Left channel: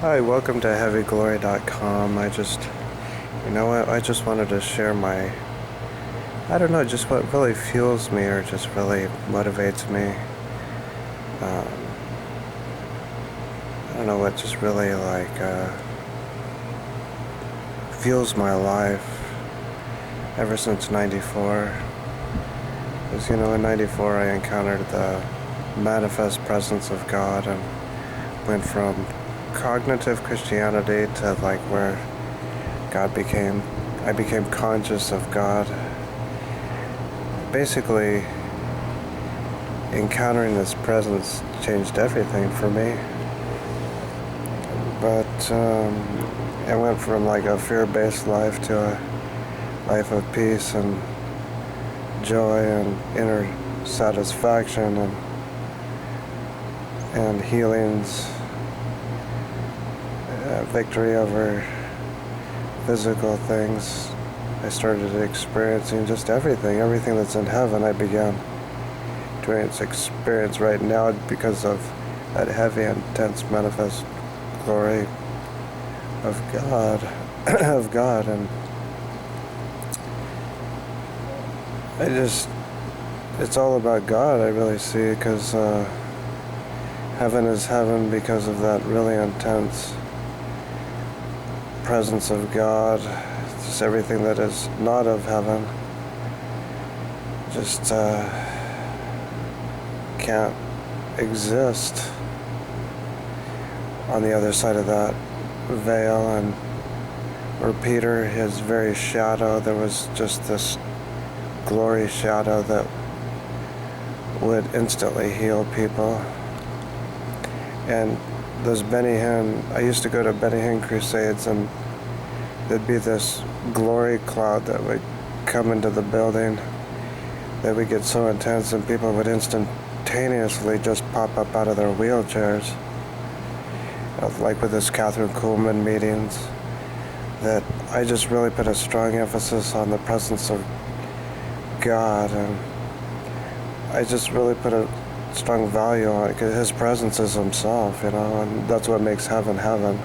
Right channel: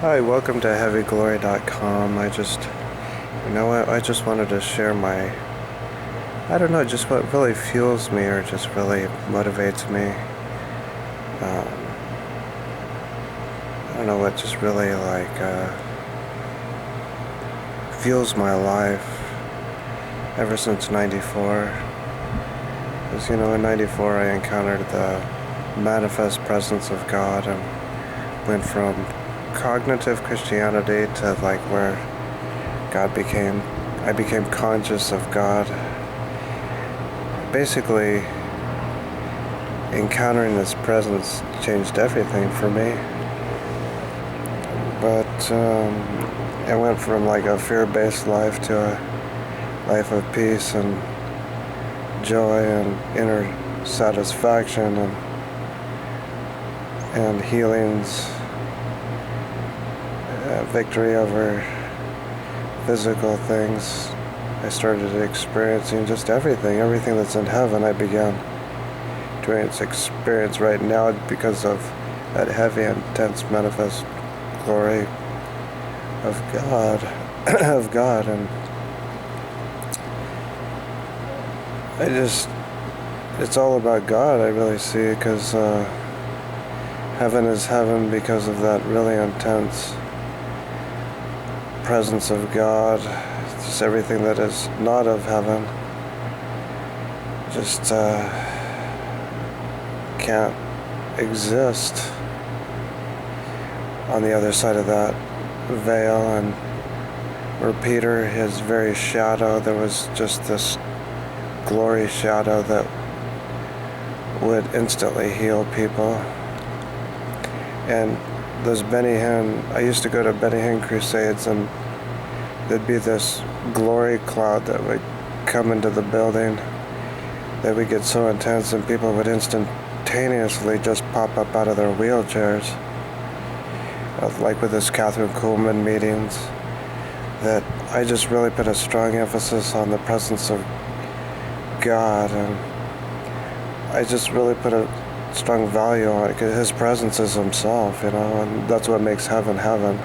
Hi, welcome to HeavyGlory.com. You know what, I just wanted to share I don't know, just what really fuels me or just really motivates me. Um, I don't know what just really fuels my life ever since '94. Because, in '94 I encountered the manifest presence of God and went from cognitive Christianity to where I became conscious of God. Basically, encountering this presence changed everything for me. But I went from a fear-based life to a life of peace and joy and inner satisfaction and healings, victory over physical things. I started experiencing just everything that's in heaven. I began to experience right now because of that heavy, intense, manifest glory of God, of God, and it's all about God, I really see, because heaven is heaven because of that really intense presence of God. Just everything that is not of heaven just can't exist on the other side of that veil. And where Peter, his very shadow, there was just this glory shadow that would instantly heal people. And those Benny Hinn, I used to go to Benny Hinn crusades, and there'd be this glory cloud that would come into the building that would get so intense, and people would instantaneously just pop up out of their wheelchairs. Like with this Catherine Kuhlman meetings, that I just really put a strong emphasis on the presence of God, and I just really put a strong value on it, because His presence is Himself, and that's what makes heaven heaven,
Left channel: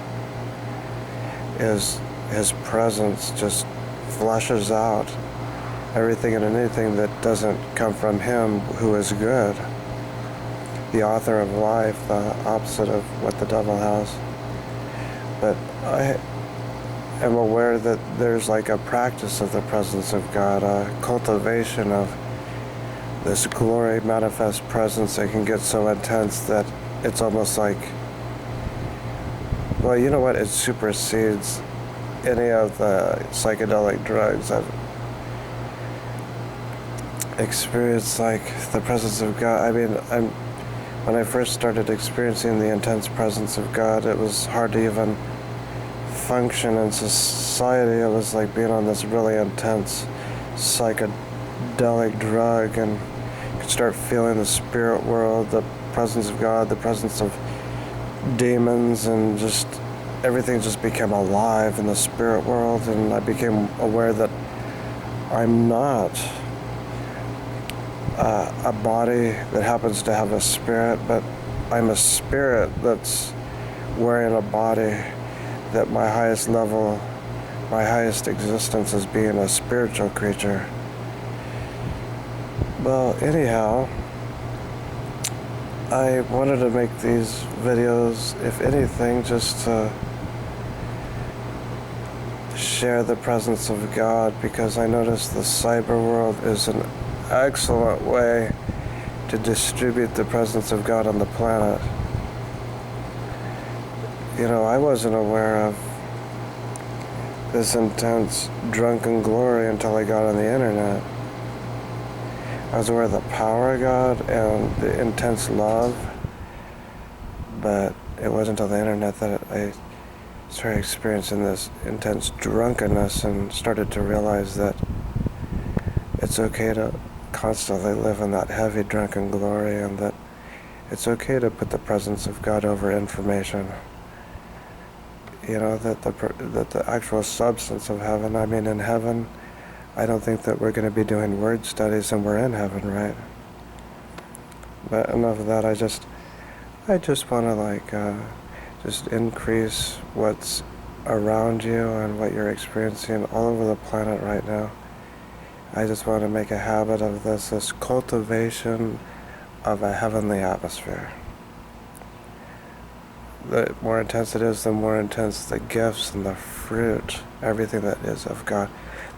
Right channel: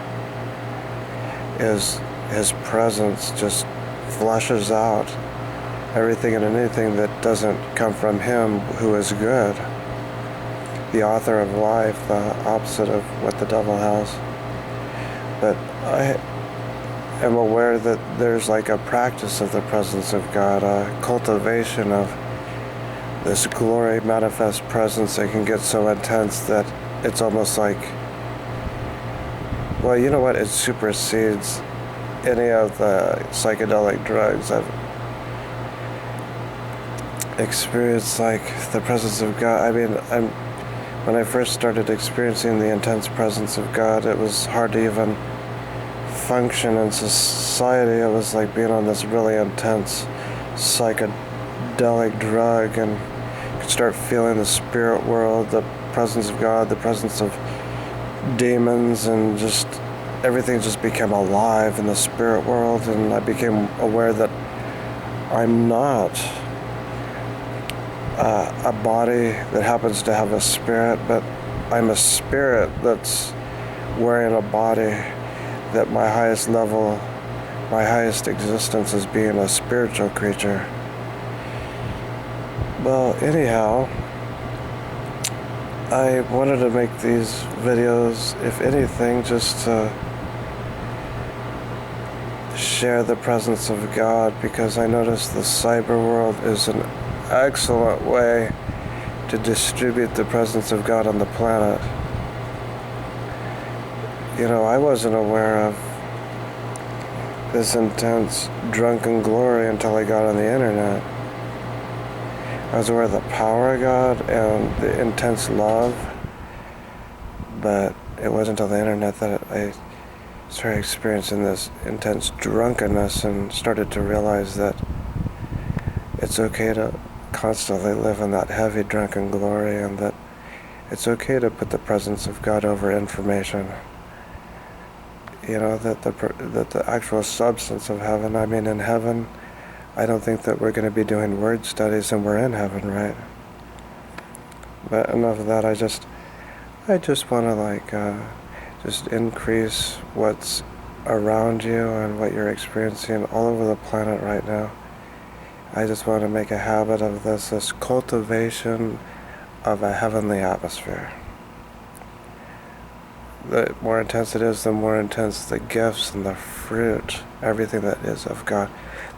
is His presence just flushes out everything and anything that doesn't come from Him, who is good, the author of life, the opposite of what the devil has. But I am aware that there's a practice of the presence of God, a cultivation of this glory manifest presence that can get so intense that it's almost well, you know what, it supersedes any of the psychedelic drugs. I've experienced the presence of God. I mean, when I first started experiencing the intense presence of God, it was hard to even function in society. It was like being on this really intense psychedelic drug, and you could start feeling the spirit world, the presence of God, the presence of demons, and just everything just became alive in the spirit world. And I became aware that I'm not a body that happens to have a spirit, but I'm a spirit that's wearing a body, that my highest level, my highest existence is being a spiritual creature. Well, anyhow, I wanted to make these videos, if anything, just to share the presence of God, because I noticed the cyber world is an excellent way to distribute the presence of God on the planet. I wasn't aware of this intense drunken glory until I got on the internet. I was aware of the power of God and the intense love, but it wasn't until the internet that I started experiencing this intense drunkenness and started to realize that it's okay to constantly live in that heavy drunken glory, and that it's okay to put the presence of God over information. That the actual substance of heaven, I mean, in heaven, I don't think that we're going to be doing word studies and we're in heaven, right? But enough of that. I just want to just increase what's around you and what you're experiencing all over the planet right now. I just want to make a habit of this cultivation of a heavenly atmosphere. The more intense it is, the more intense the gifts and the fruit, everything that is of God.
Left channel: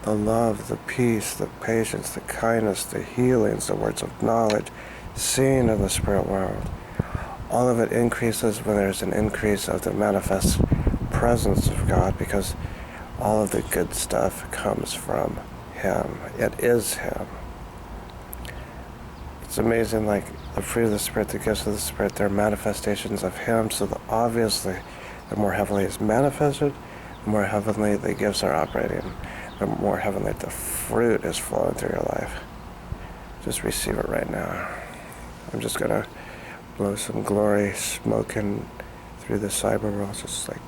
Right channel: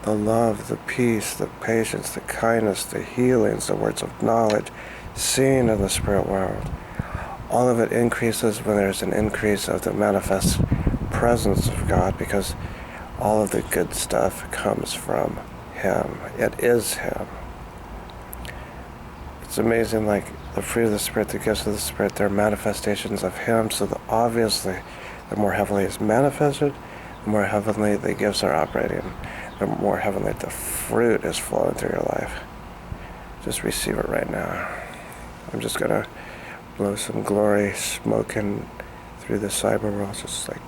The love, the peace, the patience, the kindness, the healings, the words of knowledge, seen in the spirit world. All of it increases when there's an increase of the manifest presence of God, because all of the good stuff comes from Him. It is Him. It's amazing, like the fruit of the Spirit, the gifts of the Spirit, they're manifestations of Him, so that obviously the more heavenly it's manifested, the more heavenly the gifts are operating, the more heavenly the fruit is flowing through your life. Just receive it right now. I'm just going to blow some glory smoke in through the cyber world, just like